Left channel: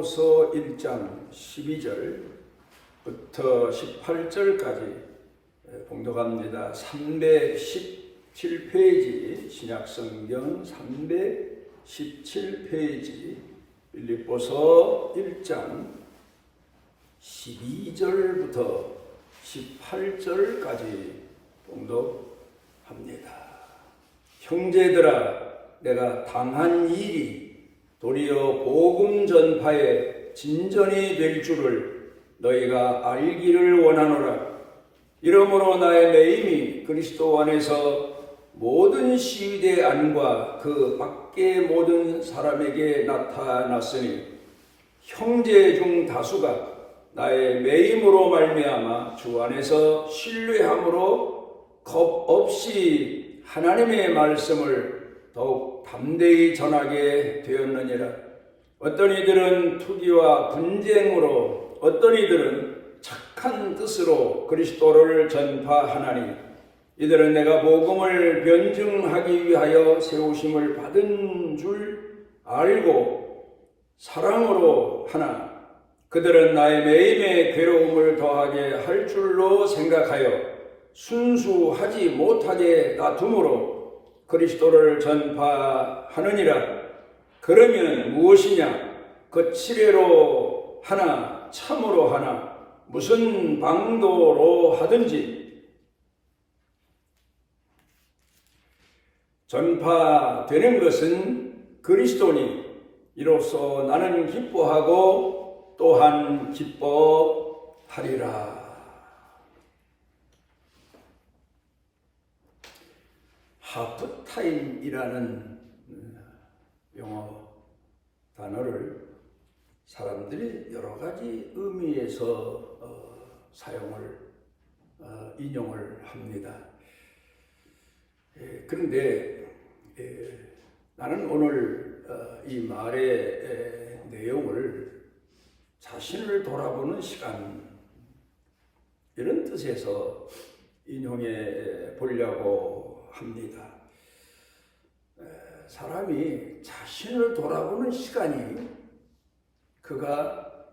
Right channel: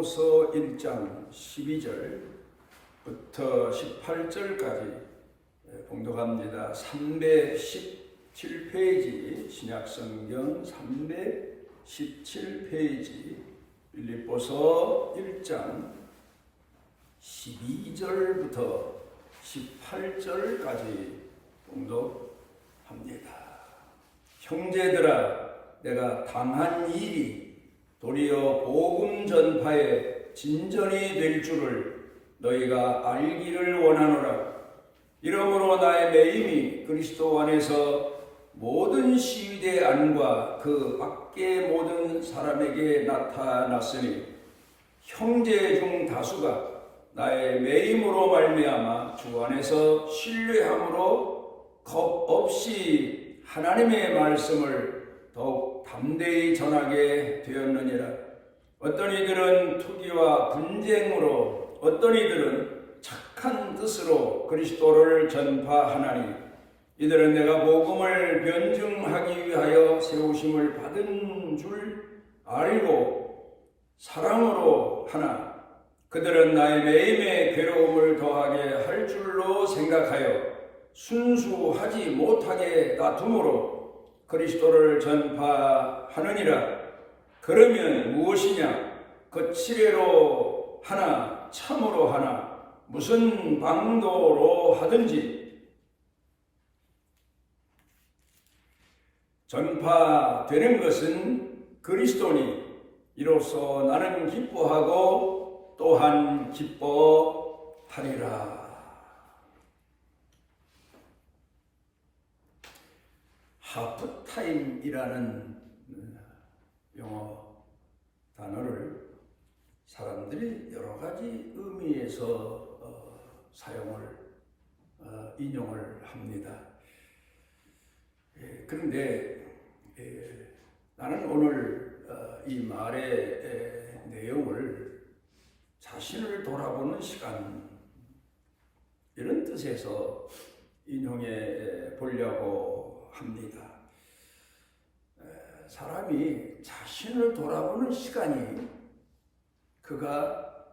빌립보서 1장 12절부터 18절까지 봉독합니다. 317페이지 신약성경 317페이지 빌립보서 1장 12절부터 18절까지 봉독합니다. 형제들아, 내가 당한 일이 도리어 복음 전파의 진전이 될 줄을 너희가 알기를 원하노라. 이러므로 나의 매임이 그리스도 안에서 모든 시위대 안과 그 밖의 모든 사람에게 나타났으니 형제 중 다수가 나의 매임으로 말미암아 주 안에서 신뢰함으로 겁 없이 하나님의 말씀을 더욱 담대히 전하게 되었느니라. 어떤 이들은 투기와 분쟁으로, 어떤 이들은 착한 뜻으로 그리스도를 전파하나니 이들은 내가 복음을 변증하기 위하여 세우심을 받은 줄 알고 사랑으로 하나 그들은 나의 매임에 괴로움을 더하게 할 줄로 생각하여 순수하지 못하게 놔둠으로 그리스도를 전파하느니라. 그러면 무엇이냐? 그 치레로 하나 참으로 하나 무슨 방도로 하든지 전파되는 것은 그리스도니 이로써 나는 기뻐하고 또한 기뻐하리라. 하프타임이라는 영어 단어를 사람들이 여러 가지 의미에서 인용을 합니다. 그런데 나는 오늘 이 말의 내용을 자신을 돌아보는 시간 이런 뜻에서 인용해 보려고 합니다. 사람이 자신을 돌아보는 시간이 그가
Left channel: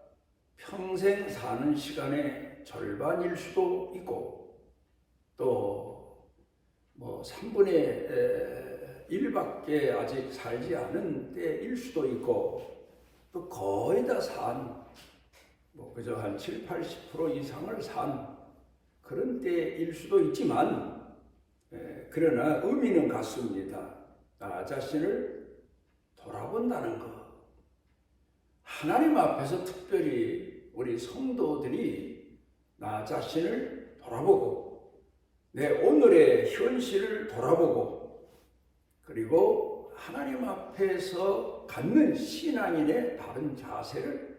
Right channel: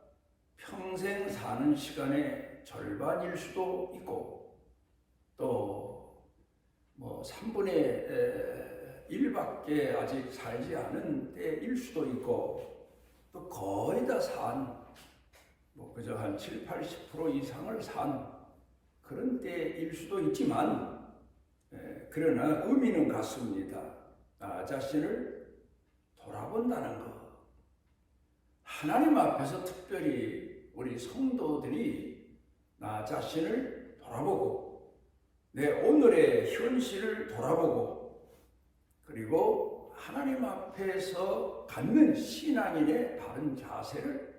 평생 사는 시간의 절반일 수도 있고 또 3분의 1밖에 아직 살지 않은 때일 수도 있고 또 거의 다 그저 한 7, 80% 이상을 산 그런 때일 수도 있지만 그러나 의미는 같습니다. 나 자신을 돌아본다는 것. 하나님 앞에서 특별히 우리 성도들이 나 자신을 돌아보고 내 오늘의 현실을 돌아보고 그리고 하나님 앞에서 갖는 신앙인의 바른 자세를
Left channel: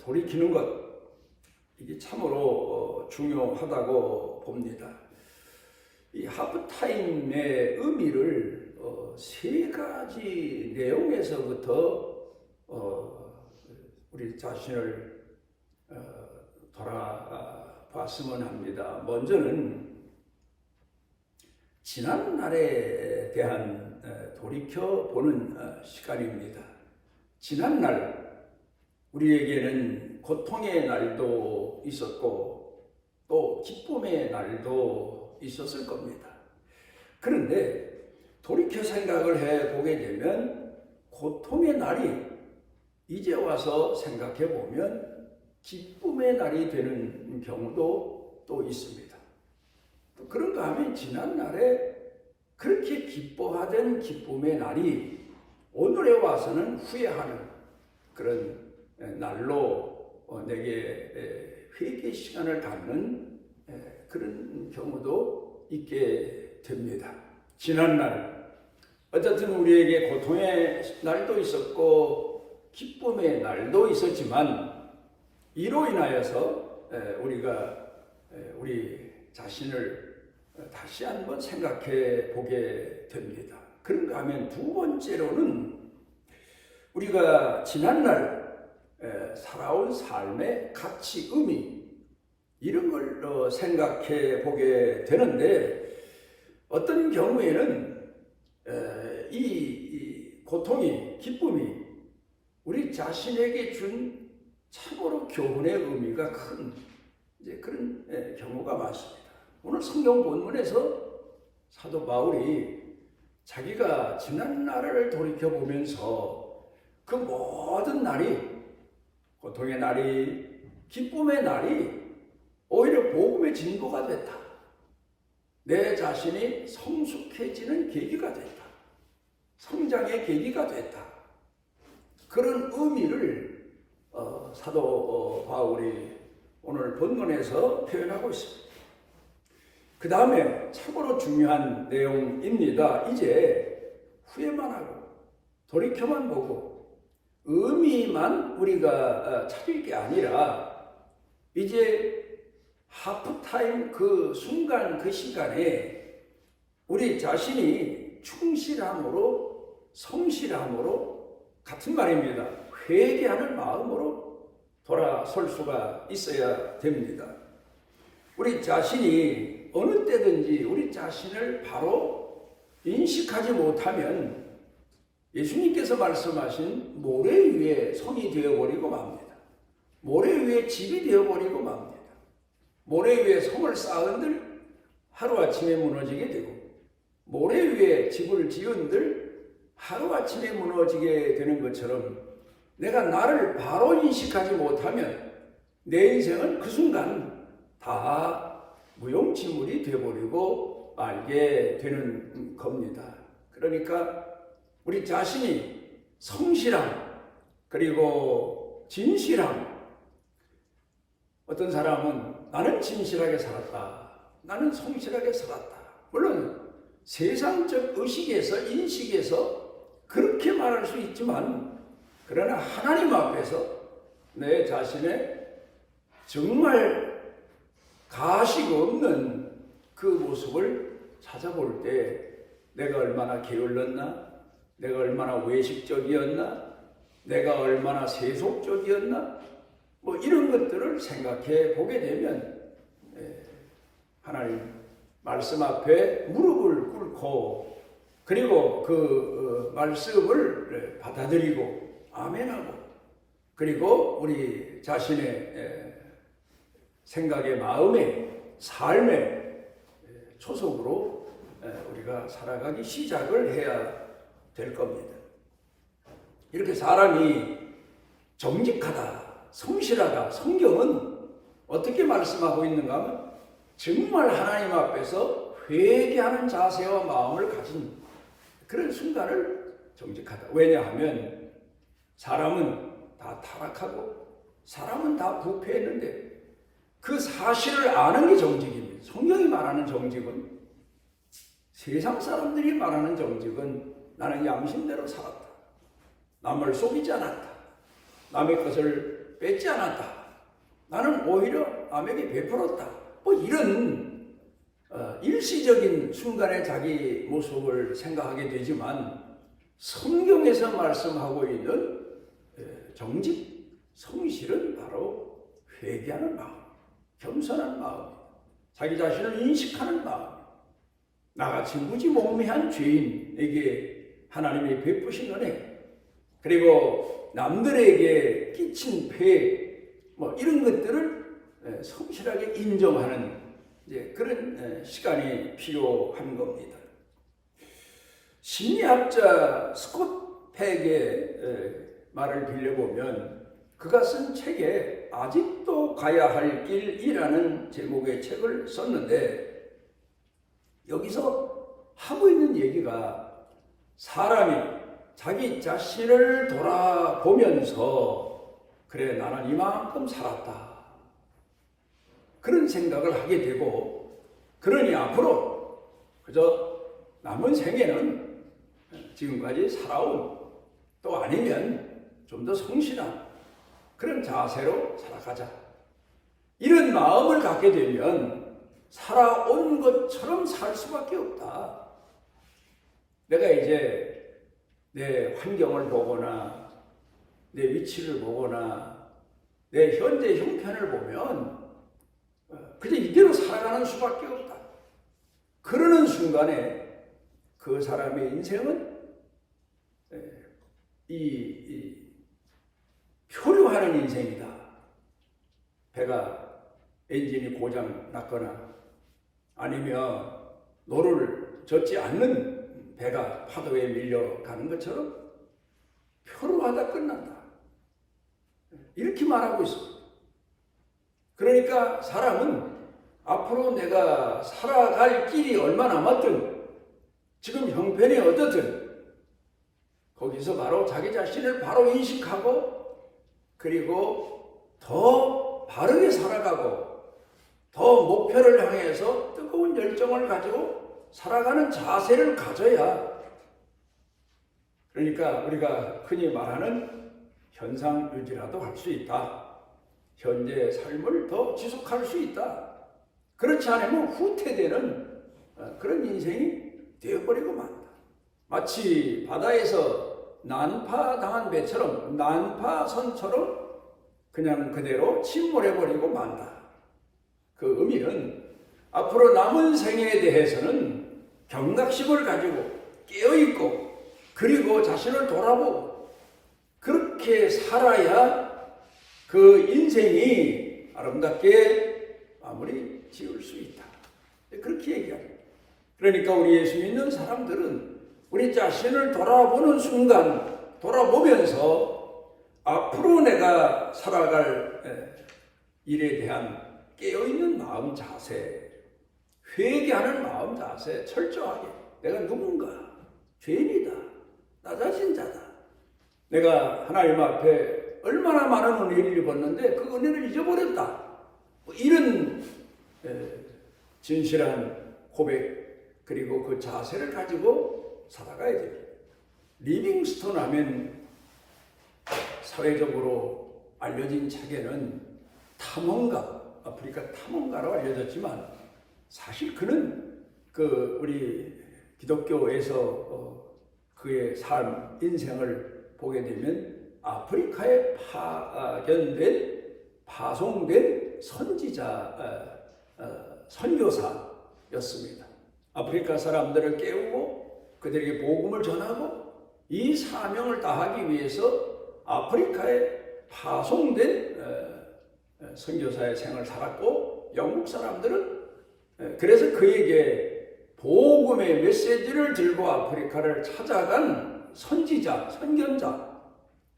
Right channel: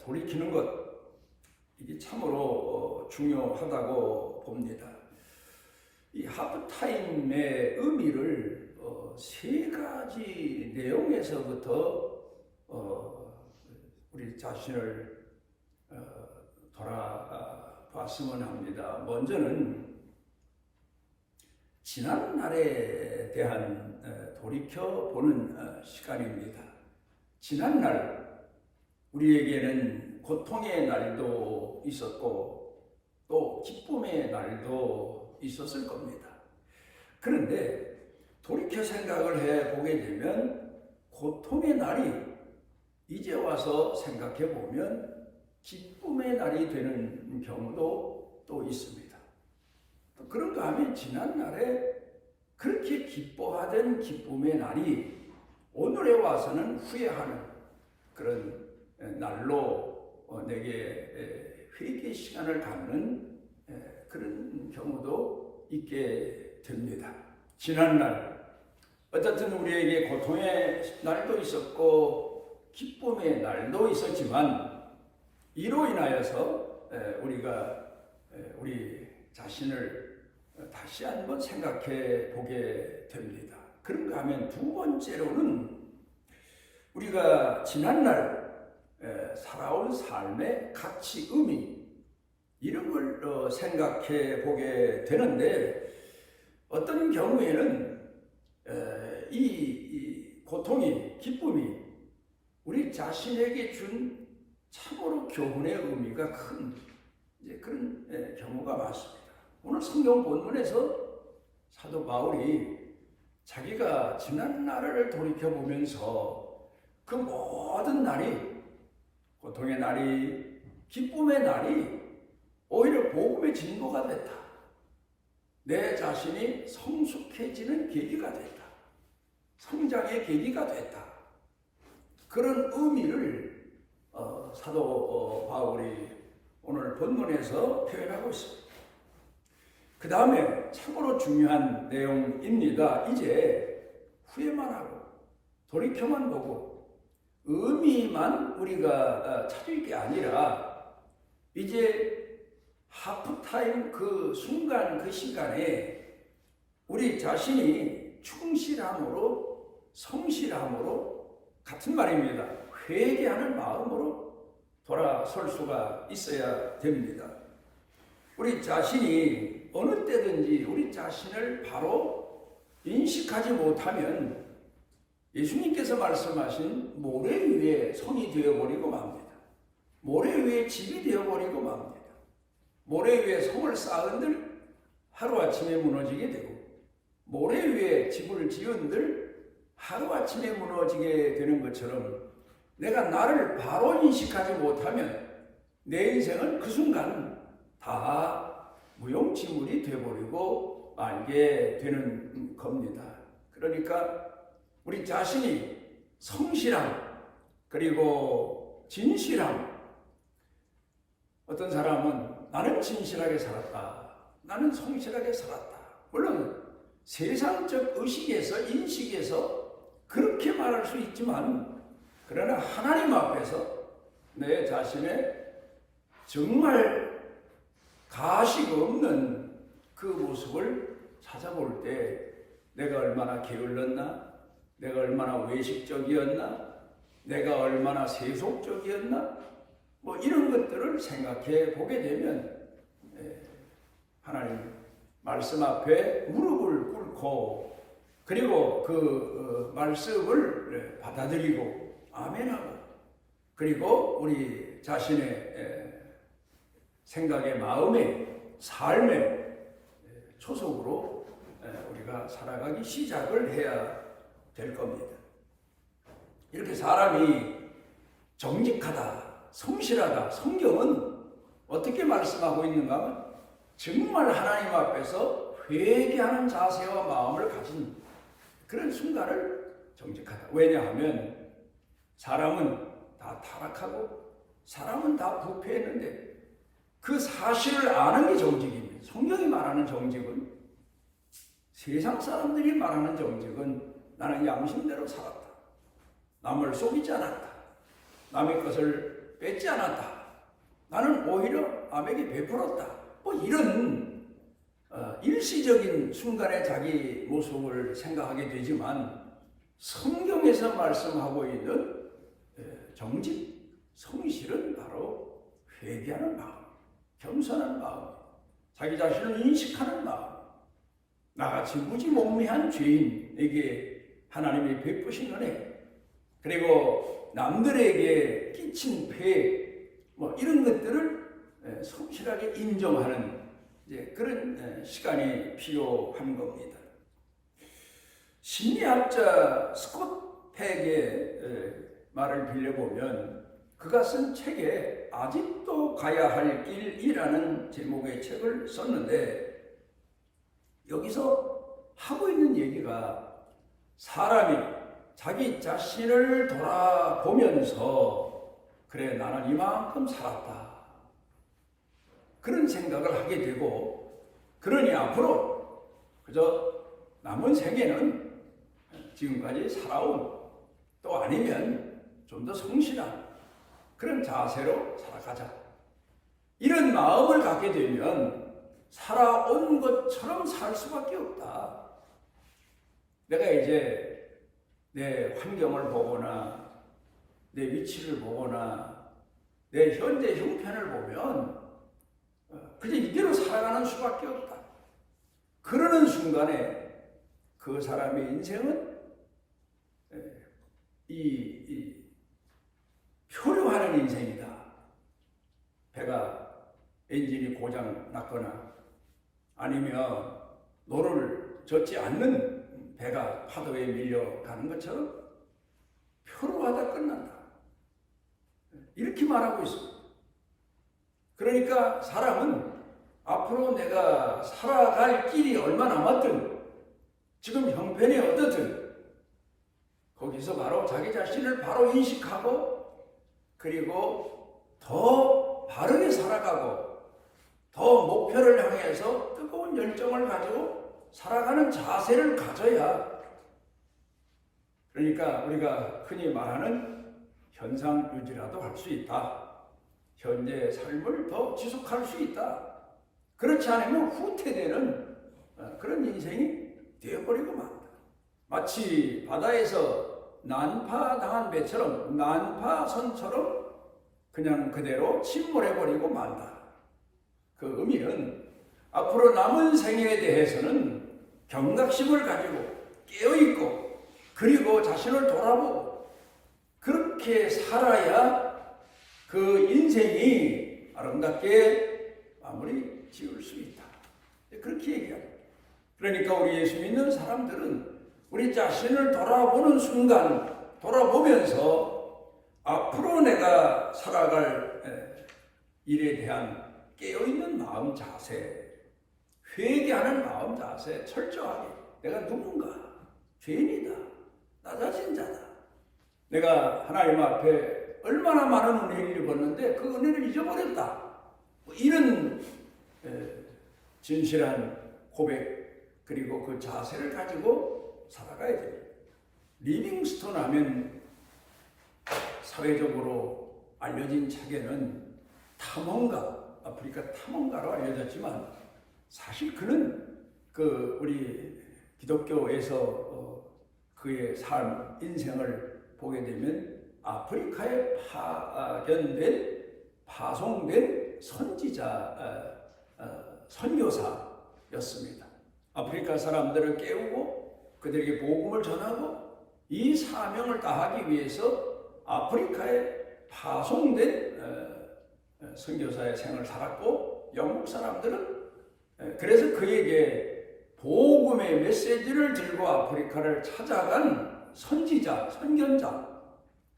돌이키는 것 이게 참으로 중요하다고 봅니다. 이 하프타임의 의미를 세 가지 내용에서부터 우리 자신을 돌아봤으면 합니다. 먼저는 지난 날에 대한 돌이켜보는 시간입니다. 지난 날 우리에게는 고통의 날도 있었고 또 기쁨의 날도 있었을 겁니다. 그런데 돌이켜 생각을 해보게 되면 고통의 날이 이제 와서 생각해 보면 기쁨의 날이 되는 경우도 또 있습니다. 또 그런가 하면 지난 날에 그렇게 기뻐하던 기쁨의 날이 오늘에 와서는 후회하는 그런 날로 내게 회개 시간을 갖는 그런 경우도 있게 됩니다. 지난 날 어쨌든 우리에게 고통의 날도 있었고 기쁨의 날도 있었지만 이로 인하여서 우리가 우리 자신을 다시 한번 생각해 보게 됩니다. 그런가 하면 두 번째로는 우리가 지난날 살아온 삶의 가치, 의미 이런 걸 생각해 보게 되는데 어떤 경우에는 이 고통이, 기쁨이 우리 자신에게 준 참으로 교훈의 의미가 큰 그런 경우가 많습니다. 오늘 성경 본문에서 사도 바울이 자기가 지난 날을 돌이켜보면서 그 모든 날이, 고통의 날이, 기쁨의 날이 오히려 복음의 진보가 됐다. 내 자신이 성숙해지는 계기가 됐다. 성장의 계기가 됐다. 그런 의미를 사도 바울이 오늘 본문에서 표현하고 있습니다. 그 다음에 참으로 중요한 내용입니다. 이제 후회만 하고 돌이켜만 보고 의미만 우리가 찾을 게 아니라 이제 하프타임 그 순간 그 시간에 우리 자신이 충실함으로 성실함으로 같은 말입니다. 회개하는 마음으로 돌아설 수가 있어야 됩니다. 우리 자신이 어느 때든지 우리 자신을 바로 인식하지 못하면 예수님께서 말씀하신 모래 위에 성이 되어버리고 맙니다. 모래 위에 집이 되어버리고 맙니다. 모래 위에 성을 쌓은들 하루아침에 무너지게 되고 모래 위에 집을 지은들 하루아침에 무너지게 되는 것처럼 내가 나를 바로 인식하지 못하면 내 인생은 그 순간 다 무용지물이 되어버리고 말게 되는 겁니다. 그러니까 우리 자신이 성실함 그리고 진실함, 어떤 사람은 나는 진실하게 살았다, 나는 성실하게 살았다, 물론 세상적 의식에서 인식에서 그렇게 말할 수 있지만 그러나 하나님 앞에서 내 자신의 정말 가식 없는 그 모습을 찾아볼 때 내가 얼마나 게을렀나, 내가 얼마나 외식적이었나, 내가 얼마나 세속적이었나, 뭐 이런 것들을 생각해 보게 되면 하나님 말씀 앞에 무릎을 꿇고 그리고 그 말씀을 받아들이고 아멘하고 그리고 우리 자신의 생각의 마음의 삶의 초석으로 우리가 살아가기 시작을 해야 될 겁니다. 이렇게 사람이 정직하다, 성실하다, 성경은 어떻게 말씀하고 있는가 하면 정말 하나님 앞에서 회개하는 자세와 마음을 가진 그런 순간을 정직하다. 왜냐하면 사람은 다 타락하고 사람은 다 부패했는데 그 사실을 아는 게 정직입니다. 성경이 말하는 정직은, 세상 사람들이 말하는 정직은 나는 양심대로 살았다, 남을 속이지 않았다, 남의 것을 뺏지 않았다, 나는 오히려 남에게 베풀었다, 뭐 이런 일시적인 순간에 자기 모습을 생각하게 되지만 성경에서 말씀하고 있는 정직, 성실은 바로 회개하는 마음, 겸손한 마음, 자기 자신을 인식하는 마음, 나같이 무지몽매한 죄인에게 하나님이 베푸신 은혜, 그리고 남들에게 끼친 폐, 뭐 이런 것들을 성실하게 인정하는 그런 시간이 필요한 겁니다. 심리학자 스콧 팩의 말을 빌려보면 그가 쓴 책에 아직도 가야 할 길이라는 제목의 책을 썼는데 여기서 하고 있는 얘기가 사람이 자기 자신을 돌아보면서 그래 나는 이만큼 살았다 그런 생각을 하게 되고, 그러니 앞으로 그저 남은 생애는 지금까지 살아온, 또 아니면 좀 더 성실한 그런 자세로 살아가자, 이런 마음을 갖게 되면 살아온 것처럼 살 수밖에 없다. 내가 이제 내 환경을 보거나 내 위치를 보거나 내 현재 형편을 보면 그저 이대로 살아가는 수밖에 없다. 그러는 순간에 그 사람의 인생은 이 표류하는 인생이다. 배가 엔진이 고장 났거나 아니면 노를 젓지 않는 배가 파도에 밀려가는 것처럼 표류하다 끝난다. 이렇게 말하고 있습니다. 그러니까 사람은 앞으로 내가 살아갈 길이 얼마 남았든 지금 형편이 어떻든 거기서 바로 자기 자신을 바로 인식하고 그리고 더 바르게 살아가고 더 목표를 향해서 뜨거운 열정을 가지고 살아가는 자세를 가져야 그러니까 우리가 흔히 말하는 현상 유지라도 할 수 있다. 현재의 삶을 더 지속할 수 있다. 그렇지 않으면 후퇴되는 그런 인생이 되어버리고 만다. 마치 바다에서 난파당한 배처럼 난파선처럼 그냥 그대로 침몰해버리고 만다. 그 의미는 앞으로 남은 생애에 대해서는 경각심을 가지고 깨어있고 그리고 자신을 돌아보고 그렇게 살아야 그 인생이 아름답게 마무리 지을 수 있다. 그렇게 얘기합니다. 그러니까 우리 예수 믿는 사람들은 우리 자신을 돌아보는 순간 돌아보면서 앞으로 내가 살아갈 일에 대한 깨어있는 마음 자세, 회개하는 마음 자세, 철저하게 내가 누군가, 죄인이다, 나 자신 자다. 내가 하나님 앞에 얼마나 많은 은혜를 입었는데 그 은혜를 잊어버렸다. 이런 진실한 고백 그리고 그 자세를 가지고 살아가야 됩니다. 리빙스톤 하면 사회적으로 알려진 책에는 탐험가, 아프리카 탐험가로 알려졌지만 사실 그는 그 우리 기독교에서 그의 삶, 인생을 보게 되면 아프리카에 파견된, 파송된 선지자, 선교사였습니다. 아프리카 사람들을 깨우고 그들에게 복음을 전하고 이 사명을 다하기 위해서 아프리카에 파송된 선교사의 생을 살았고 영국 사람들은 그래서 그에게 복음의 메시지를 들고 아프리카를 찾아간 선지자, 선견자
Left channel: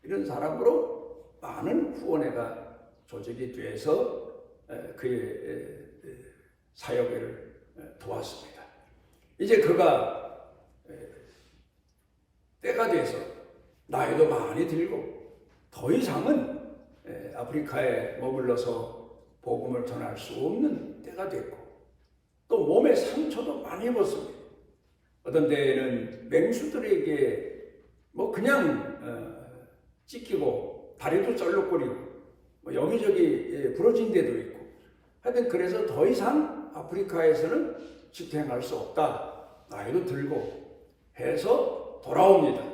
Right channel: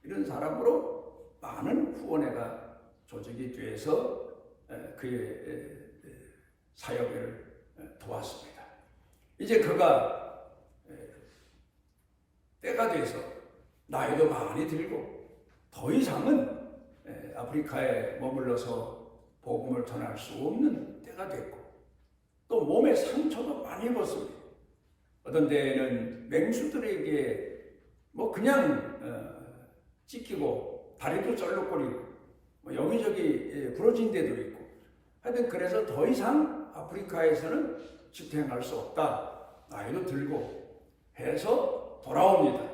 이런 사람으로 많은 후원회가 조직이 돼서 그의 사역을 도왔습니다. 이제 그가 때가 돼서 나이도 많이 들고 더 이상은 아프리카에 머물러서 복음을 전할 수 없는 때가 됐고 또 몸에 상처도 많이 입었습니다. 어떤 데에는 맹수들에게 뭐 그냥 찢기고 다리도 쩔룩거리고 뭐 여기저기 부러진 데도 있고 하여튼 그래서 더 이상 아프리카에서는 지탱할 수 없다. 나이도 들고 해서 돌아옵니다.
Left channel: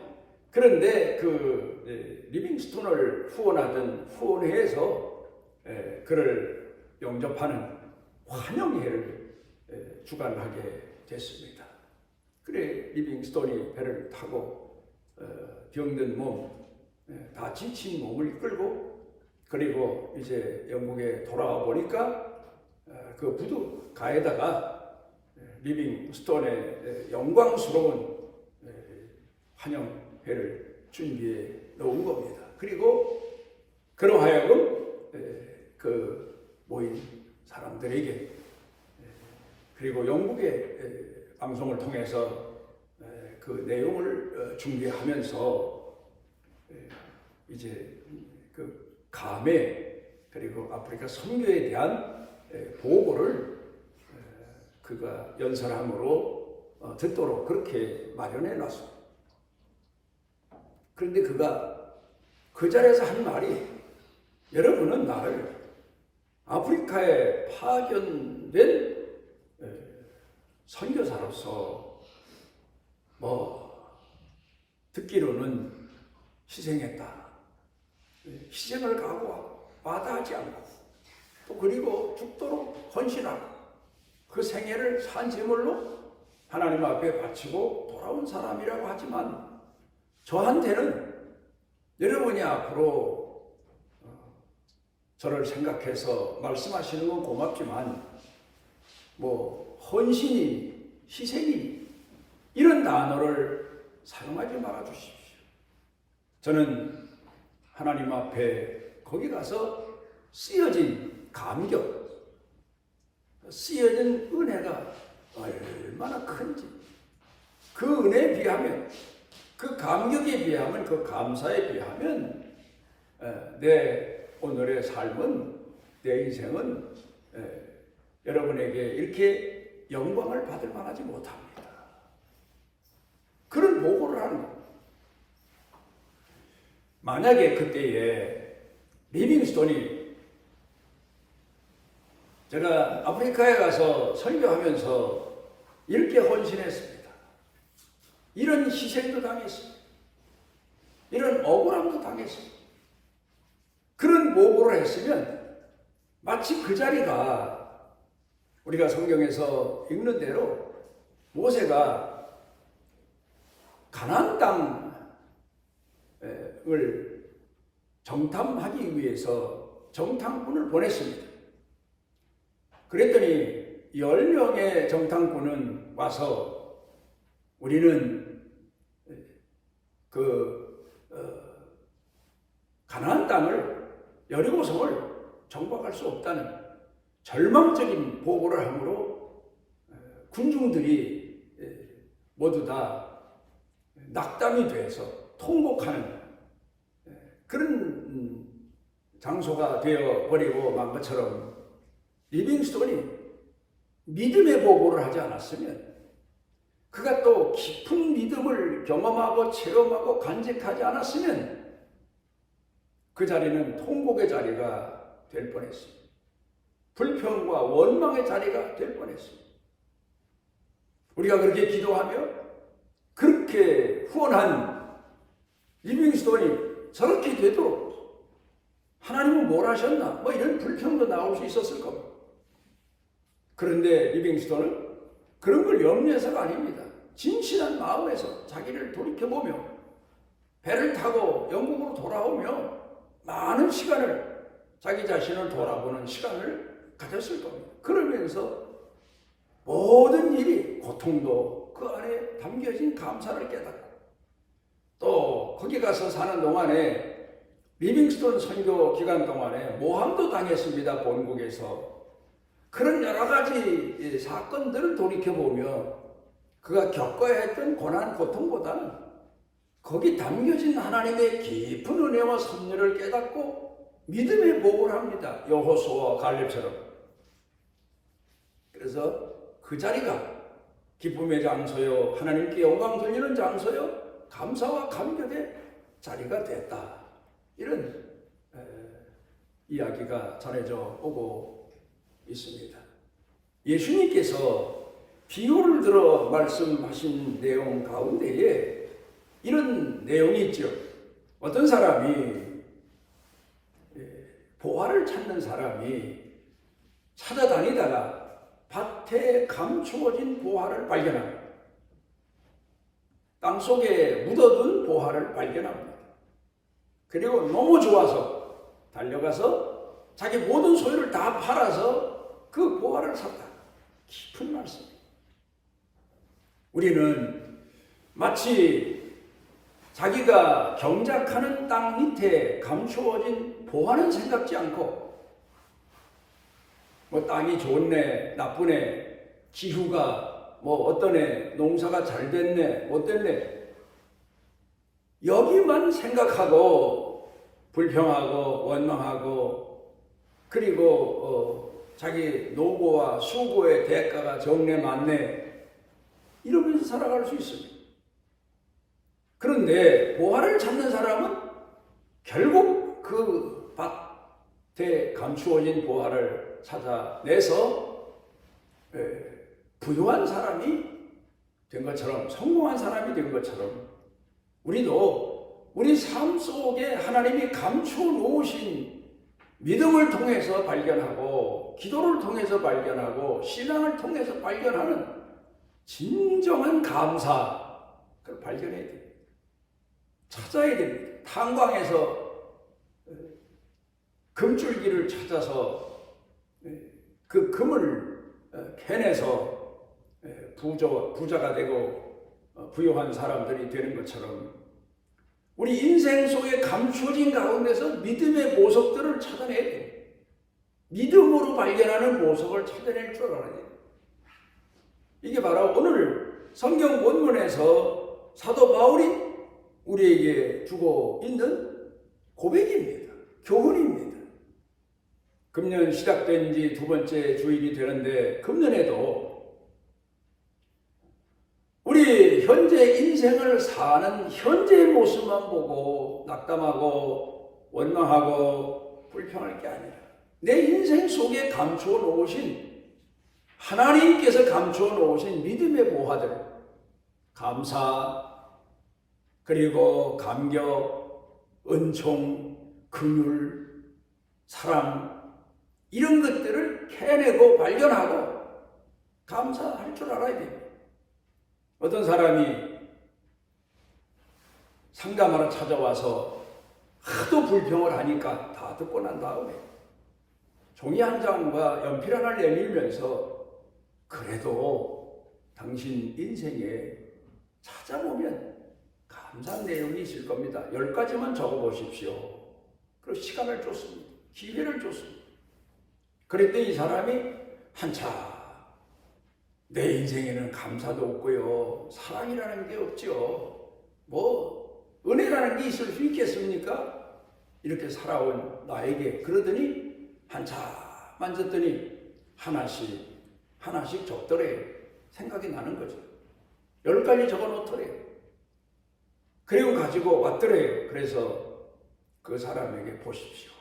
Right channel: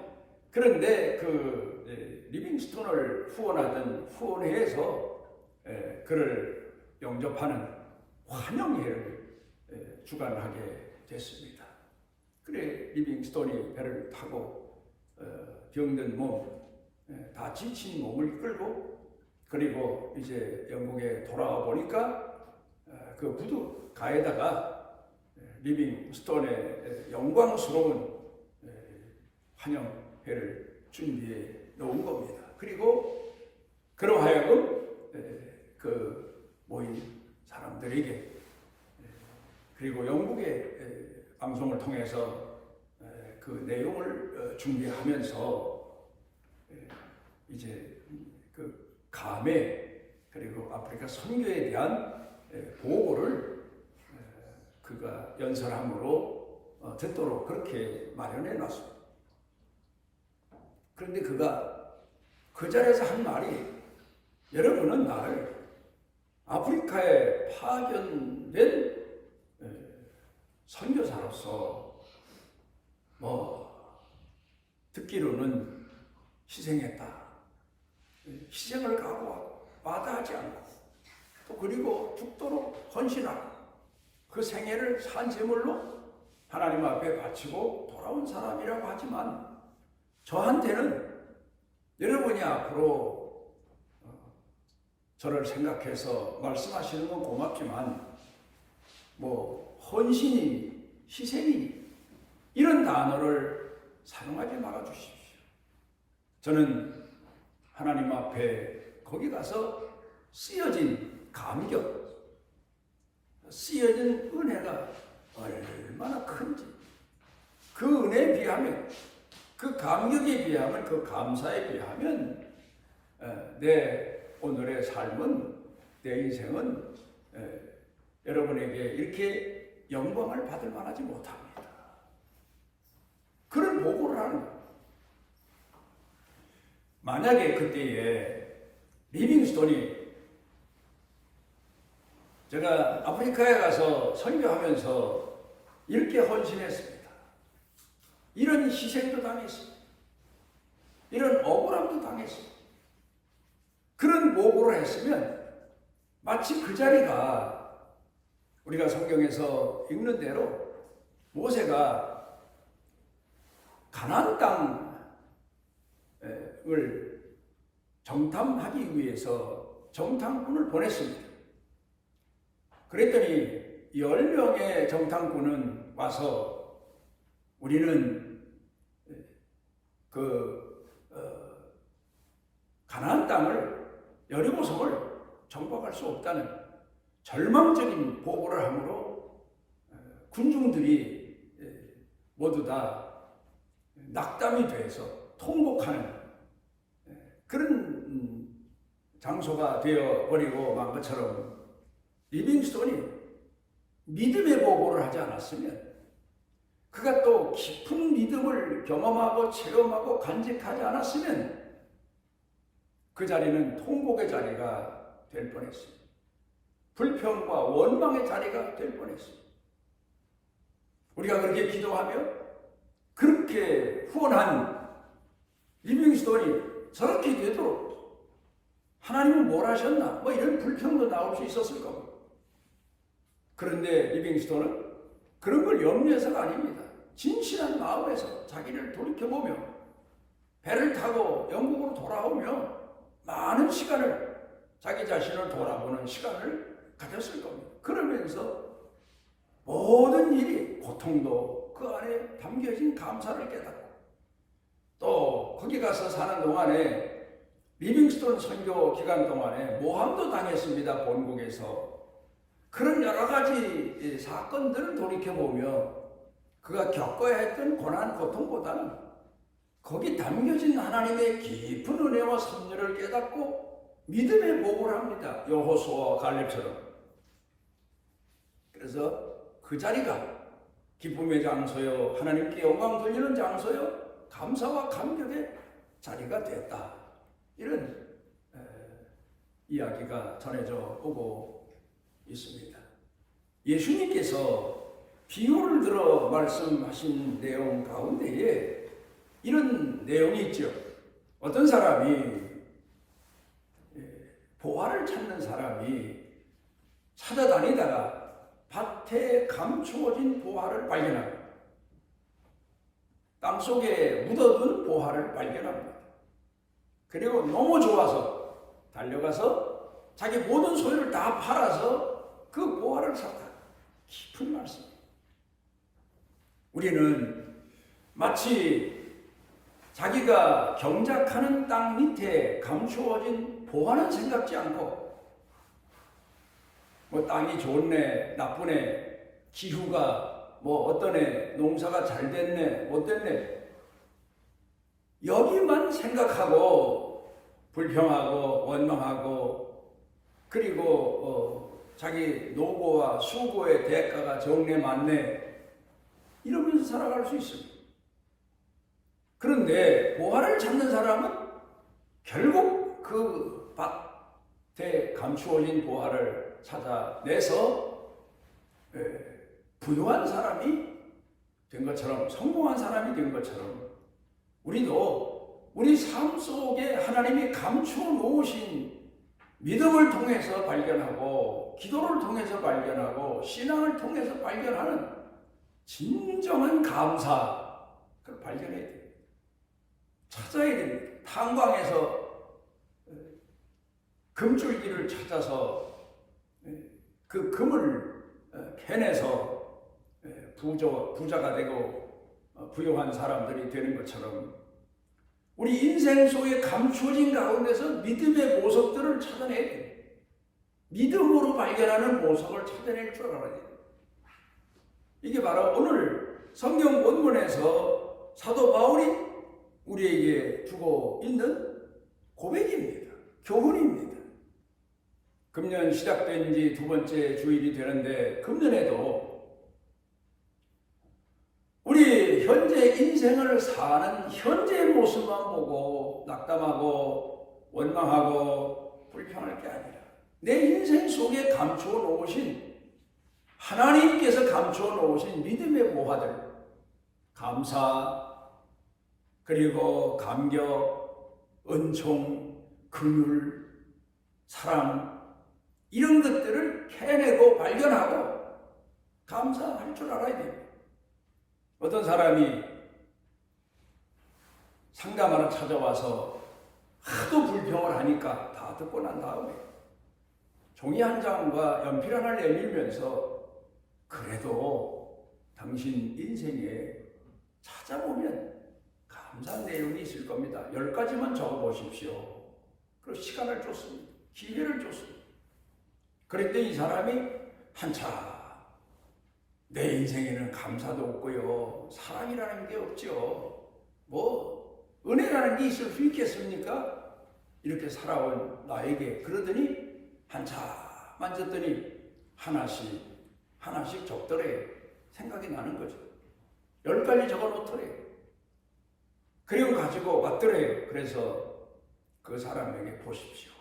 그런데 그 리빙스톤을 후원하던 후원회에서 그를 영접하는 환영회를 주관하게 됐습니다. 그래 리빙스톤이 배를 타고 병든 몸, 다 지친 몸을 끌고 그리고 이제 영국에 돌아와 보니까 그 부두가에다가 리빙스톤의 영광스러운 환영회를 준비해 놓은 겁니다. 그리고 그러하여금 그 모인 사람들에게 그리고 영국의 방송을 통해서 그 내용을 준비하면서 이제 그 감회 그리고 아프리카 선교에 대한 보고를 그가 연설함으로 듣도록 그렇게 마련해 놨습니다. 그런데 그가 그 자리에서 한 말이 여러분은 나를 아프리카에 파견된 선교사로서 듣기로는 희생했다. 희생을 각오하고 마다하지 않고 또 그리고 죽도록 헌신하고 그 생애를 산제물로 하나님 앞에 바치고 돌아온 사람이라고 하지만 저한테는 여러분이 앞으로 저를 생각해서 말씀하시는 건 고맙지만 뭐 헌신이, 희생이 이런 단어를 사용하지 말아 주십시오. 저는 하나님 앞에 거기 가서 쓰여진 감격, 쓰여진 은혜가 얼마나 큰지, 그 은혜에 비하면, 그 감격에 비하면, 그 감사에 비하면 내 오늘의 삶은, 내 인생은 여러분에게 이렇게 영광을 받을 만하지 못합니다. 그런 보고를 하는 거예요. 만약에 그때에 리빙스톤이, 제가 아프리카에 가서 설교하면서 이렇게 헌신했습니다. 이런 희생도 당했습니다. 이런 억울함도 당했습니다. 그런 보고를 했으면 마치 그 자리가 우리가 성경에서 읽는 대로 모세가 가나안 땅을 정탐하기 위해서 정탐꾼을 보냈습니다. 그랬더니 10명의 정탐꾼은 와서 우리는 가나안 땅을, 여리고성을 정복할 수 없다는 절망적인 보고를 하므로 군중들이 모두 다 낙담이 돼서 통곡하는 그런 장소가 되어버리고 만 것처럼, 리빙스톤이 믿음의 보고를 하지 않았으면, 그가 또 깊은 믿음을 경험하고 체험하고 간직하지 않았으면 그 자리는 통곡의 자리가 될 뻔했습니다. 불평과 원망의 자리가 될 뻔했습니다. 우리가 그렇게 기도하며 그렇게 후원한 리빙스톤이 저렇게 되도록 하나님은 뭘 하셨나? 뭐 이런 불평도 나올 수 있었을 겁니다. 그런데 리빙스톤은 그런 걸 염려해서가 아닙니다. 진실한 마음에서 자기를 돌이켜보며 배를 타고 영국으로 돌아오며 많은 시간을, 자기 자신을 돌아보는 시간을 가졌을 겁니다. 그러면서 모든 일이, 고통도 그 안에 담겨진 감사를 깨닫고, 또 거기 가서 사는 동안에, 리빙스톤 선교 기간 동안에 모함도 당했습니다. 본국에서. 그런 여러 가지 사건들을 돌이켜보며 그가 겪어야 했던 고난, 고통보다는 거기 담겨진 하나님의 깊은 은혜와 섭리를 깨닫고 믿음의 보고를 합니다. 여호수아와 갈렙처럼. 그래서 그 자리가 기쁨의 장소요, 하나님께 영광 돌리는 장소요, 감사와 감격의 자리가 됐다. 이런 이야기가 전해져 오고 있습니다. 예수님께서 비유를 들어 말씀하신 내용 가운데에 이런 내용이 있죠. 어떤 사람이, 보화를 찾는 사람이 찾아다니다가 밭에 감추어진 보화를 발견합니다. 땅속에 묻어둔 보화를 발견합니다. 그리고 너무 좋아서 달려가서 자기 모든 소유를 다 팔아서 그 보화를 샀다. 깊은 말씀입니다. 우리는 마치 자기가 경작하는 땅 밑에 감추어진 보화는 생각지 않고, 뭐 땅이 좋네, 나쁘네, 기후가 뭐 어떠네, 농사가 잘 됐네, 못 됐네, 여기만 생각하고 불평하고 원망하고, 그리고 자기 노고와 수고의 대가가 적네 많네 이러면서 살아갈 수 있습니다. 그런데 보화를 찾는 사람은 결국 그 밭에 감추어진 보화를 찾아내서 부유한 사람이 된 것처럼, 성공한 사람이 된 것처럼, 우리도 우리 삶 속에 하나님이 감추어 놓으신 믿음을 통해서 발견하고, 기도를 통해서 발견하고, 신앙을 통해서 발견하는 진정한 감사, 그걸 발견해야 됩니다. 찾아야 됩니다. 탄광에서 금줄기를 찾아서 그 금을 캐내서 부자가 되고 부유한 사람들이 되는 것처럼 우리 인생 속에 감추어진 가운데서 믿음의 보석들을 찾아내야 돼요. 믿음으로 발견하는 보석을 찾아낼 줄 알아야 돼요. 이게 바로 오늘 성경 본문에서 사도 바울이 우리에게 주고 있는 고백입니다. 교훈입니다. 금년 시작된 지 두 번째 주일이 되는데 금년에도 우리 현재 인생을 사는 현재의 모습만 보고 낙담하고 원망하고 불평할 게 아니라 내 인생 속에 감추어 놓으신 하나님께서 감추어 놓으신 믿음의 보화들, 감사, 그리고 감격, 은총, 긍휼, 사랑 이런 것들을 캐내고 발견하고 감사할 줄 알아야 돼요. 어떤 사람이 상담하러 찾아와서 하도 불평을 하니까 다 듣고 난 다음에 종이 한 장과 연필 하나를 내밀면서 그래도 당신 인생에 찾아보면 감사한 내용이 있을 겁니다. 10가지만 적어보십시오. 그리고 시간을 줬습니다. 기회를 줬습니다. 그랬더니 이 사람이 한참 내 인생에는 감사도 없고요. 사랑이라는 게 없죠. 뭐 은혜라는 게 있을 수 있겠습니까? 이렇게 살아온 나에게 그러더니 한참 만졌더니 하나씩 적더래요. 생각이 나는 거죠. 10가지 적어놓더래요. 그리고 가지고 왔더래요. 그래서 그 사람에게 보십시오.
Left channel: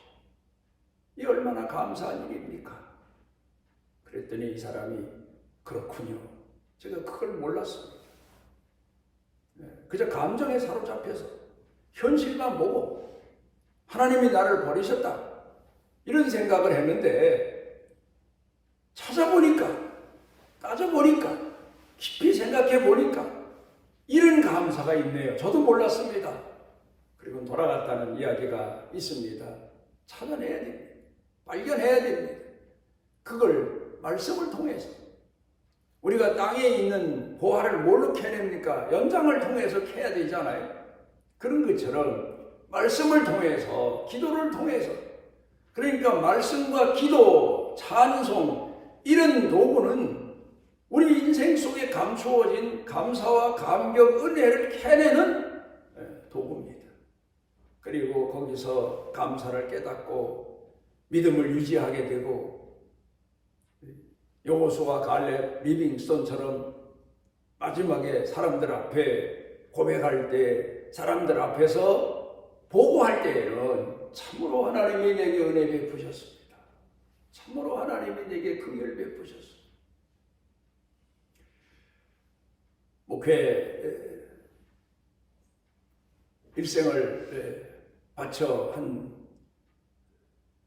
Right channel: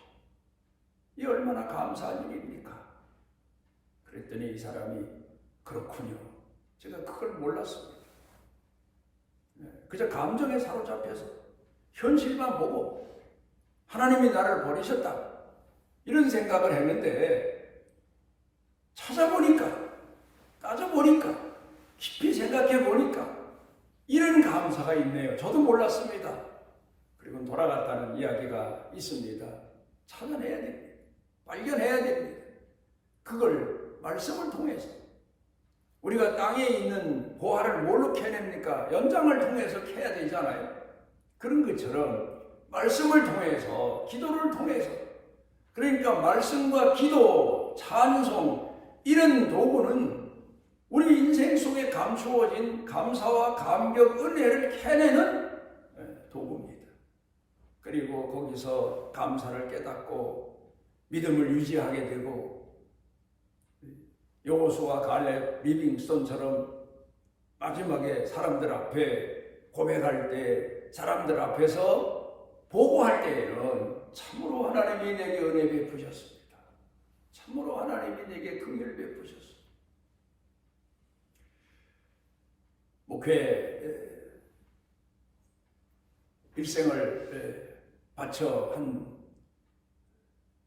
이 얼마나 감사한 일입니까? 그랬더니 이 사람이 그렇군요. 제가 그걸 몰랐습니다. 그저 감정에 사로잡혀서 현실만 보고 하나님이 나를 버리셨다 이런 생각을 했는데 찾아보니까 따져보니까 깊이 생각해보니까 이런 감사가 있네요. 저도 몰랐습니다. 그리고 돌아갔다는 이야기가 있습니다. 찾아내야 됩니다. 발견해야 됩니다. 그걸 말씀을 통해서 우리가 땅에 있는 보화를 뭘로 캐냅니까? 연장을 통해서 캐야 되잖아요. 그런 것처럼 말씀을 통해서 기도를 통해서 그러니까 말씀과 기도, 찬송 이런 도구는 우리 인생 속에 감추어진 감사와 감격, 은혜를 캐내는 도구입니다. 그리고 거기서 감사를 깨닫고 믿음을 유지하게 되고 여호수아, 갈렙, 리빙스톤처럼 마지막에 사람들 앞에 고백할 때 사람들 앞에서 보고할 때에는 참으로 하나님이 내게 은혜 베푸셨습니다. 참으로 하나님이 내게 긍휼 베푸셨습니다. 목회 일생을 바쳐 한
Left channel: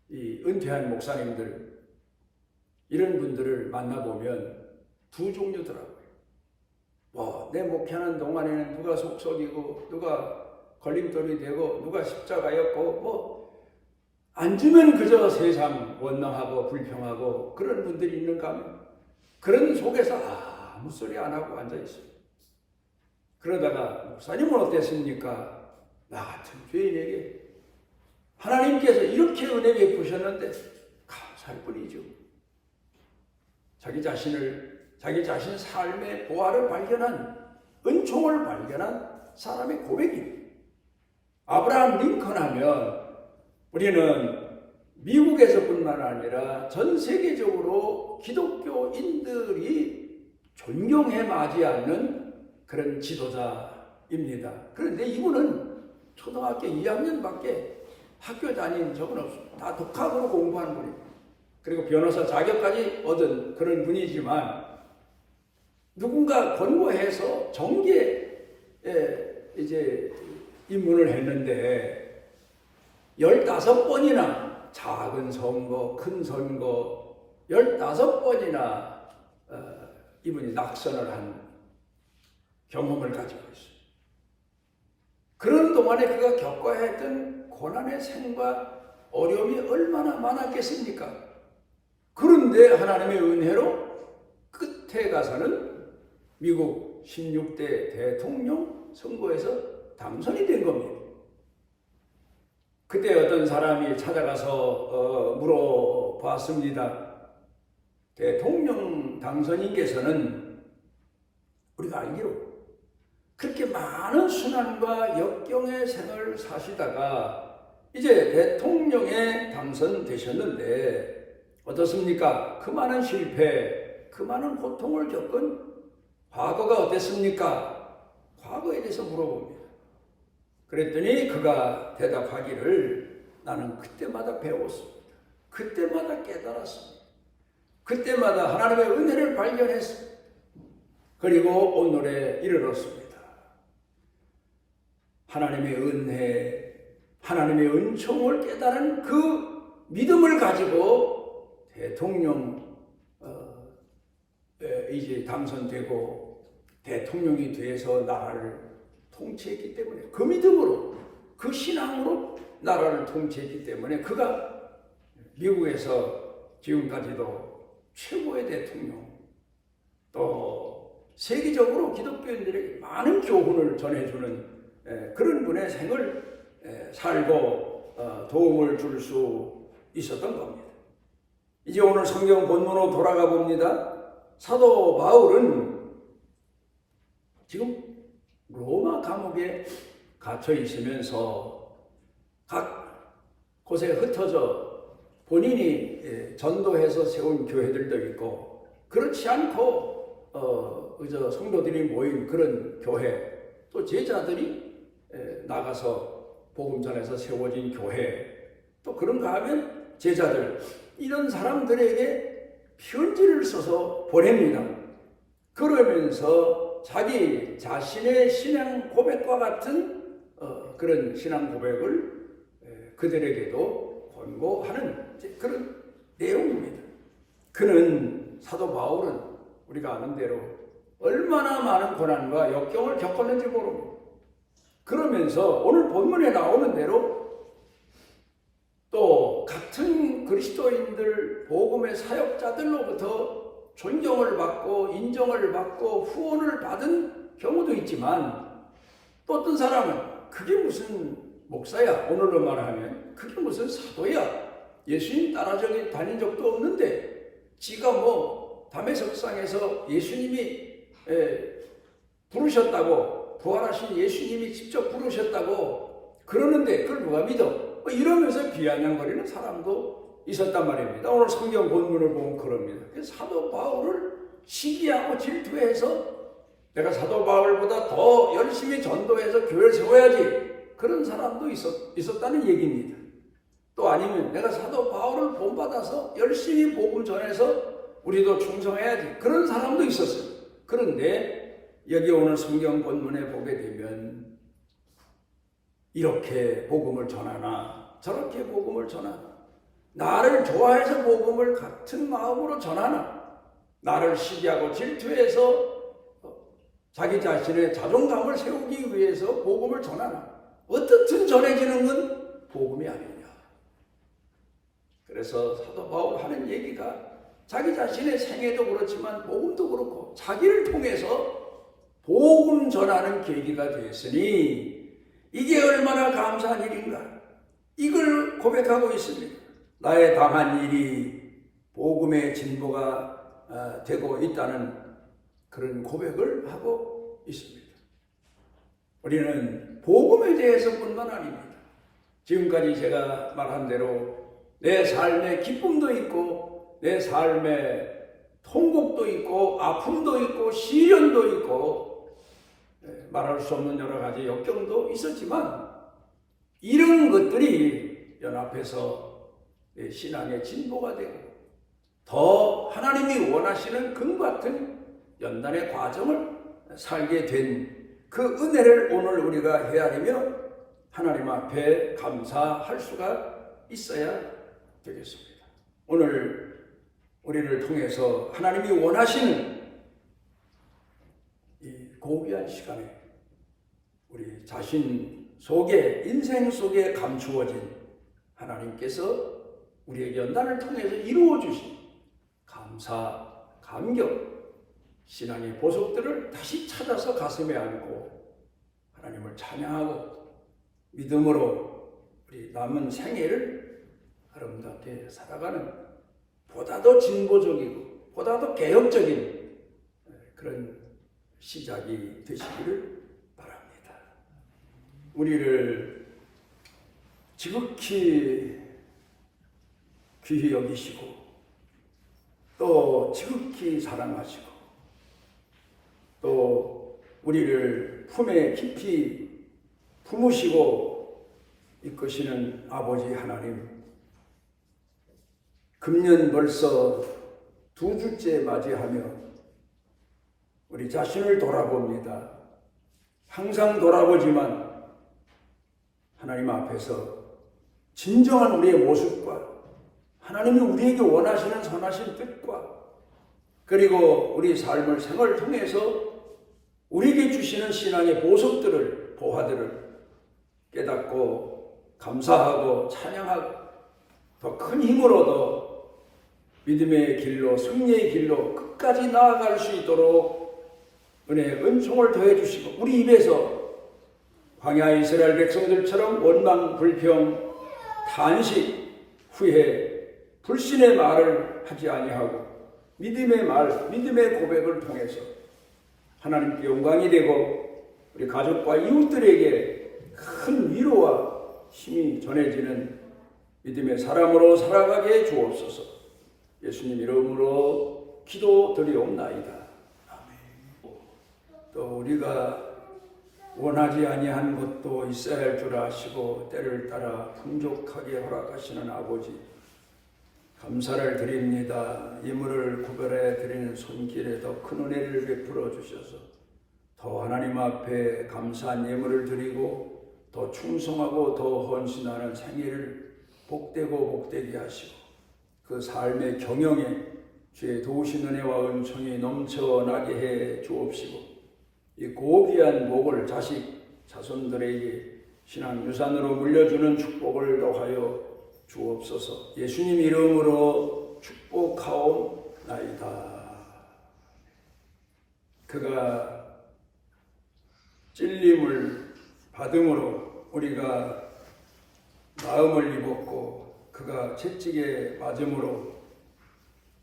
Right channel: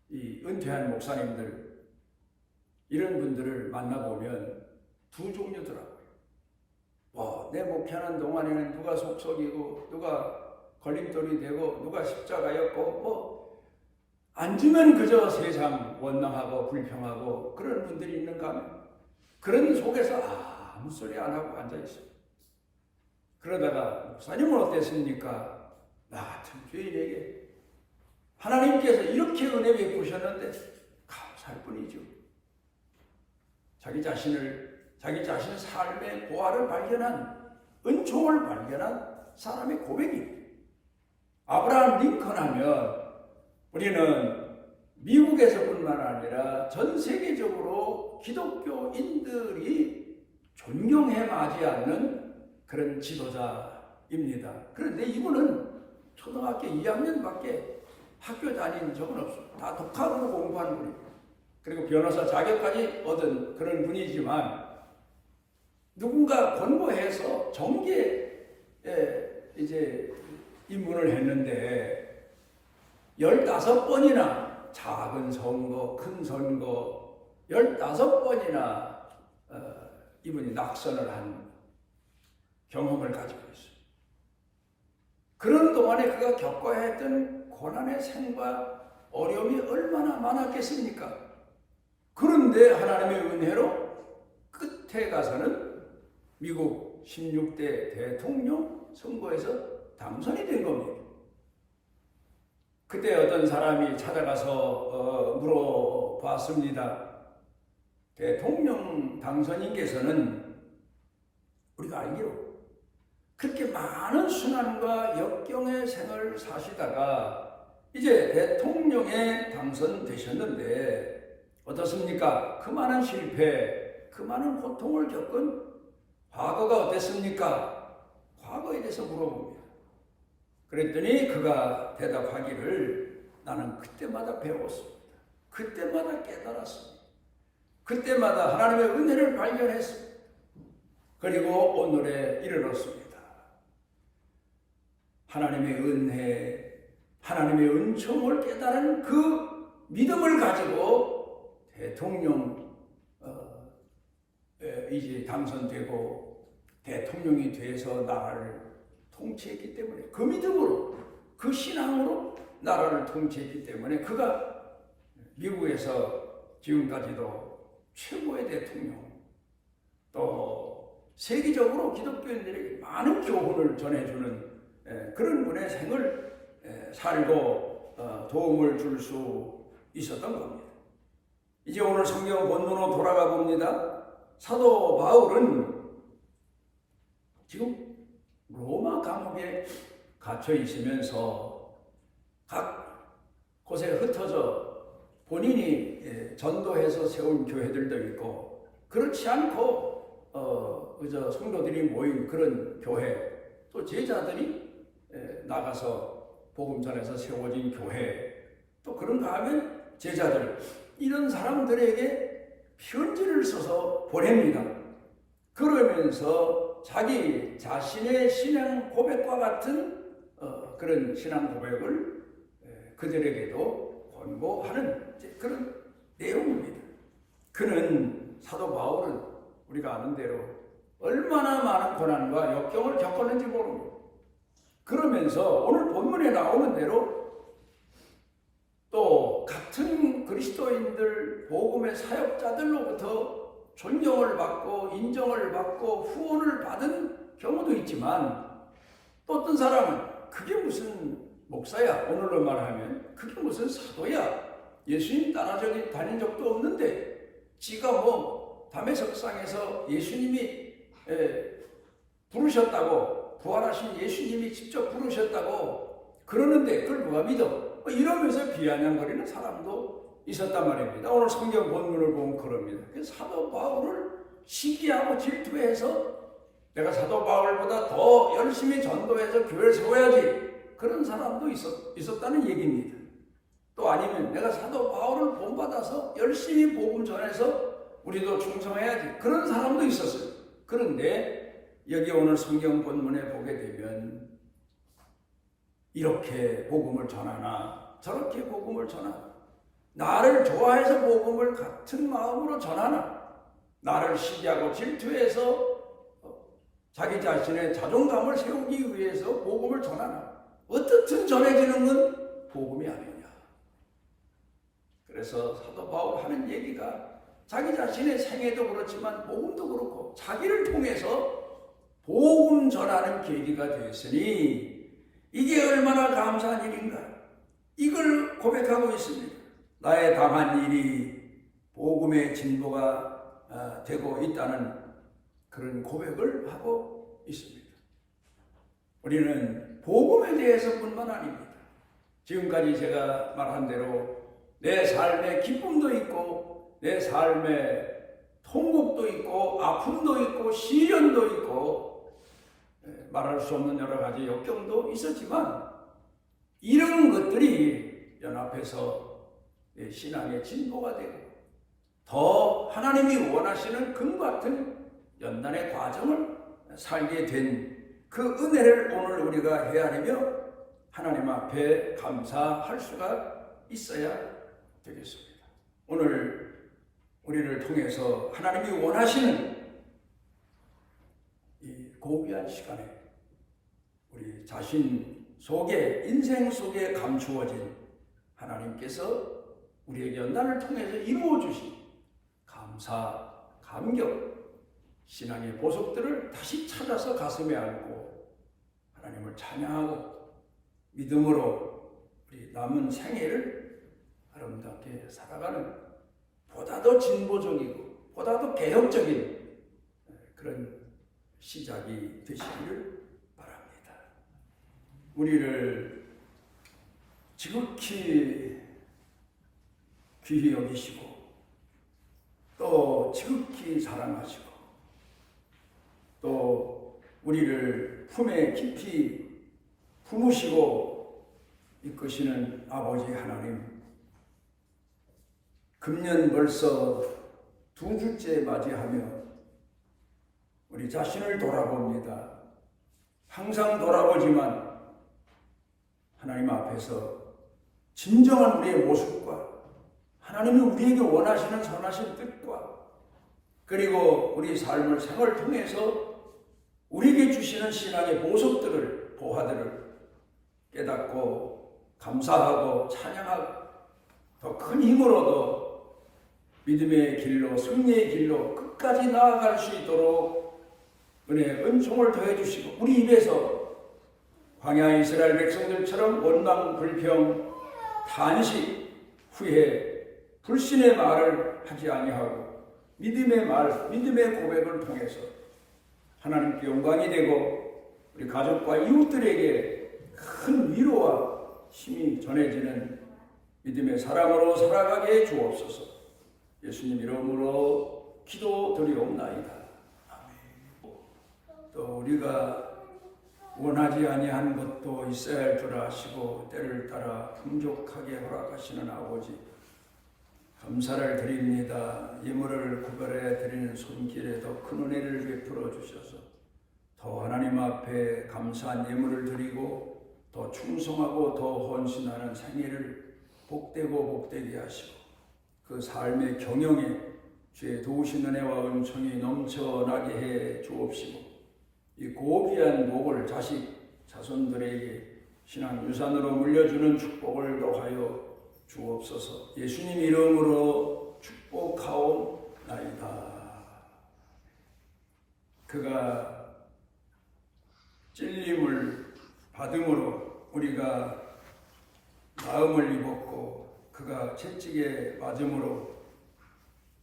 이 은퇴한 목사님들 이런 분들을 만나보면 두 종류더라고요. 내 목회하는 동안에는 누가 속썩이고 누가 걸림돌이 되고 누가 십자가였고 앉으면 그저 세상 원망하고 불평하고 그런 분들이 있는가 하면 그런 속에서 아무 소리 안 하고 앉아있어요. 그러다가 목사님은 어땠습니까? 나 같은 죄인에게 하나님께서 이렇게 은혜 베푸셨는데 감사할 뿐이죠. 자기 자신의 삶의 보화를 발견한 은총을 발견한 사람의 고백입니다. 아브라함 링컨 하면 우리는 미국에서뿐만 아니라 전 세계적으로 기독교인들이 존경해 맞이하는 그런 지도자입니다. 그런데 이분은 초등학교 2학년밖에 학교 다닌 적은 없습니다. 다 독학으로 공부한 분입니다. 그리고 변호사 자격까지 얻은 그런 분이지만 누군가 권고해서 정계에 이제 입문을 했는데 15번이나 작은 선거, 큰 선거 15번이나 이분이 낙선을 한 경험을 가지고 있어요. 그런 동안에 그가 겪어야 했던 고난의 생과 어려움이 얼마나 많았겠습니까? 그런데 하나님의 은혜로 끝에 가서는 미국 16대 대통령 선거에서 당선이 된 겁니다. 그때 어떤 사람이 찾아가서 물어봤습니다. 대통령 당선인께서는 우리가 알기로 그렇게 많은 순환과 역경의 생을 사시다가 이제 대통령에 당선되셨는데 어떻습니까? 그 많은 실패, 그 많은 고통을 겪은 과거가 어땠습니까? 과거에 대해서 물어봅니다. 그랬더니 그가 대답하기를 나는 그때마다 배웠습니다. 그때마다 깨달았습니다. 그때마다 하나님의 은혜를 발견했습니다. 그리고 오늘에 이르렀습니다. 하나님의 은혜, 하나님의 은총을 깨달은 그 믿음을 가지고 대통령 이제 당선되고 대통령이 돼서 나라를 통치했기 때문에 그 믿음으로 그 신앙으로 나라를 통치했기 때문에 그가 미국에서 지금까지도 최고의 대통령 또 세계적으로 기독교인들에게 많은 교훈을 전해주는 그런 분의 생을 살고 도움을 줄 수 있었던 겁니다. 이제 오늘 성경 본문으로 돌아가 봅니다. 사도 바울은 지금 로마 감옥에 갇혀 있으면서 각 곳에 흩어져 본인이 전도해서 세운 교회들도 있고 그렇지 않고 그저 성도들이 모인 그런 교회 또 제자들이 나가서 복음 전해서 세워진 교회 또 그런가 하면 제자들 이런 사람들에게 편지를 써서 보냅니다. 그러면서 자기 자신의 신앙 고백과 같은 그런 신앙 고백을 그들에게도 권고하는 그런 내용입니다. 그는 사도 바울은 우리가 아는 대로 얼마나 많은 고난과 역경을 겪었는지 모릅니다. 그러면서 오늘 본문에 나오는 대로 또 같은 그리스도인들 복음의 사역자들로부터 존경을 받고 인정을 받고 후원을 받은 경우도 있지만 또 어떤 사람은 그게 무슨 목사야 오늘로 말하면 그게 무슨 사도야 예수님 따라서 다닌 적도 없는데 지가 뭐 담에석상에서 예수님이 부르셨다고 부활하신 예수님이 직접 부르셨다고 그러는데 그걸 누가 믿어? 이러면서 비아냥거리는 사람도 있었단 말입니다. 오늘 성경 본문을 보면 그럽니다. 사도 바울을 시기하고 질투해서 내가 사도 바울보다 더 열심히 전도해서 교회를 세워야지 그런 사람도 있었다는 얘기입니다. 또 아니면 내가 사도 바울을 본받아서 열심히 복음 전해서 우리도 충성해야지 그런 사람도 있었어요. 그런데 여기 오늘 성경 본문에 보게 되면 이렇게 복음을 전하나 저렇게 복음을 전하나 나를 좋아해서 복음을 같은 마음으로 전하나 나를 시기하고 질투해서 자기 자신의 자존감을 세우기 위해서 복음을 전하나 어떻든 전해지는 건 복음이 아니냐. 그래서 사도 바울 하는 얘기가 자기 자신의 생애도 그렇지만 복음도 그렇고 자기를 통해서 복음 전하는 계기가 되었으니 이게 얼마나 감사한 일인가. 이걸 고백하고 있습니다. 나의 당한 일이 복음의 진보가 되고 있다는 그런 고백을 하고 있습니다. 우리는 복음에 대해서뿐만 아닙니다. 지금까지 제가 말한 대로 내 삶에 기쁨도 있고 내 삶에 통곡도 있고 아픔도 있고 시련도 있고 말할 수 없는 여러 가지 역경도 있었지만 이런 것들이 연합해서 내 신앙의 진보가 되고 더 하나님이 원하시는 금과 같은 연단의 과정을 살게 된 그 은혜를 오늘 우리가 헤아리며 하나님 앞에 감사할 수가 있어야 되겠습니다. 오늘 우리를 통해서 하나님이 원하시는 이 고귀한 시간에 우리 자신 속에 인생 속에 감추어진 하나님께서 우리에게 연단을 통해서 이루어 주신 감사, 감격, 신앙의 보석들을 다시 찾아서 가슴에 안고 하나님을 찬양하고 믿음으로 우리 남은 생애를 아름답게 살아가는 보다 더 진보적이고 보다 더 개혁적인 그런 시작이 되시기를 바랍니다. 우리를 지극히 귀히 여기시고 또 지극히 사랑하시고 또 우리를 품에 깊이 품으시고 이끄시는 아버지 하나님, 금년 벌써 2주째 맞이하며 우리 자신을 돌아봅니다. 항상 돌아보지만 하나님 앞에서 진정한 우리의 모습과 하나님이 우리에게 원하시는 선하신 뜻과 그리고 우리 삶을 생활을 통해서 우리에게 주시는 신앙의 보석들을, 보화들을 깨닫고 감사하고 찬양하고 더 큰 힘으로 더 믿음의 길로, 승리의 길로 끝까지 나아갈 수 있도록 은혜의 은총을 더해 주시고 우리 입에서 광야 이스라엘 백성들처럼 원망, 불평, 탄식, 후회, 불신의 말을 하지 아니하고 믿음의 말, 믿음의 고백을 통해서 하나님께 영광이 되고 우리 가족과 이웃들에게 큰 위로와 힘이 전해지는 믿음의 사람으로 살아가게 해 주옵소서. 예수님 이름으로 기도드리옵나이다. 아멘. 또 우리가 원하지 아니한 것도 있어야 할 줄 아시고 때를 따라 풍족하게 허락하시는 아버지, 감사를 드립니다. 예물을 구별해 드리는 손길에 더 큰 은혜를 베풀어 주셔서 더 하나님 앞에 감사한 예물을 드리고 더 충성하고 더 헌신하는 생애를 복되고 복되게 하시고 그 삶의 경영에 주의 도우신 은혜와 은총이 넘쳐나게 해 주옵시고 이 고귀한 복을 자식, 자손들에게 신앙 유산으로 물려주는 축복을 더하여 주옵소서. 예수님 이름으로 축복하옵나이다. 그가 찔림을 받음으로 우리가 마음을 입었고 그가 채찍에 맞음으로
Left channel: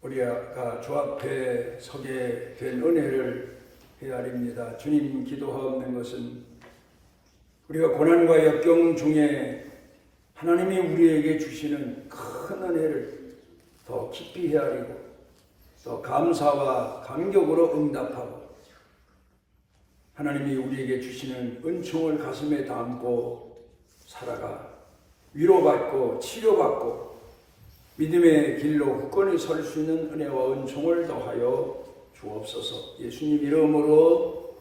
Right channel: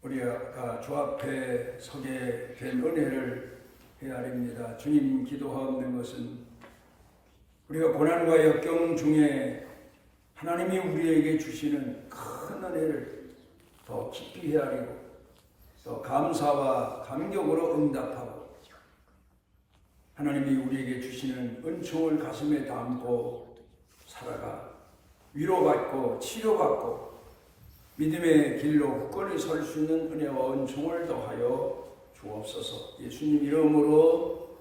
우리가 주 앞에 서게 된 은혜를 헤아립니다. 주님 기도하옵는 것은 우리가 고난과 역경 중에 하나님이 우리에게 주시는 큰 은혜를 더 깊이 헤아리고 더 감사와 감격으로 응답하고 하나님이 우리에게 주시는 은총을 가슴에 담고 살아가 위로받고 치료받고 믿음의 길로 굳건히 설 수 있는 은혜와 은총을 더하여 주옵소서. 예수님 이름으로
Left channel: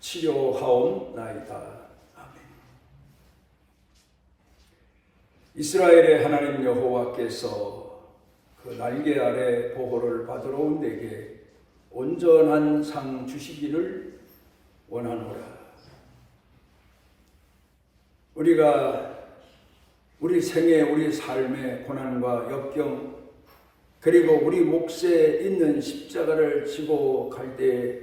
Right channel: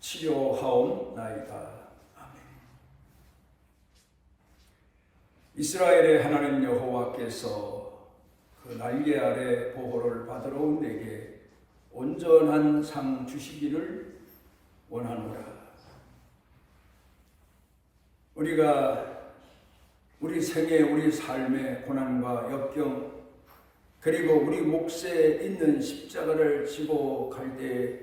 치료하옵나이다. 아멘. 이스라엘의 하나님 여호와께서 그 날개 아래 보호를 받으러 온 내게 온전한 상 주시기를 원하노라. 우리가 우리 생애, 우리 삶의 고난과 역경 그리고 우리 몫에 있는 십자가를 지고 갈 때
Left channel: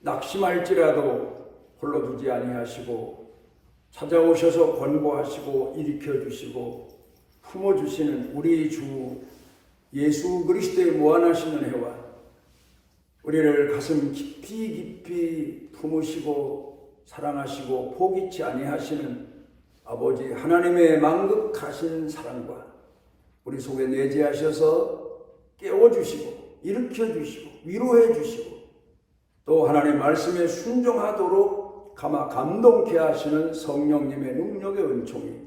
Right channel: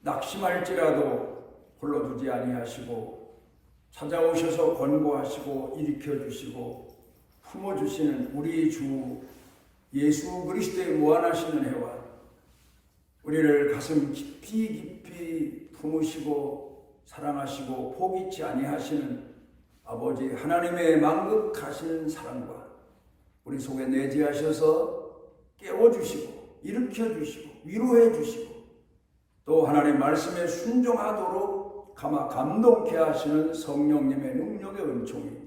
낙심할지라도 홀로 두지 아니하시고 찾아오셔서 권고하시고 일으켜주시고 품어주시는 우리 주 예수 그리스도의 무한하신 은혜와 우리를 가슴 깊이 품으시고 사랑하시고 포기치 아니하시는 아버지 하나님의 만극하신 사랑과 우리 속에 내재하셔서 깨워주시고 일으켜주시고 위로해주시고 또 하나님 말씀에 순종하도록 감동케 하시는 성령님의 능력의 은총이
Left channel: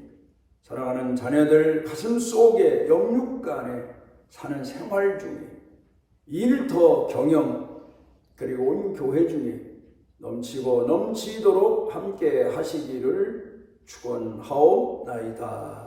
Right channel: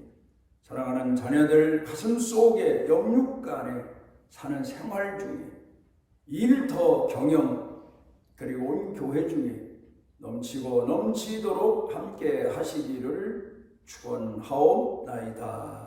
사랑하는 자녀들 가슴 속에 영육간에 사는 생활 중에 일터 경영 그리고 온 교회 중에 넘치고 넘치도록 함께 하시기를 축원하옵나이다.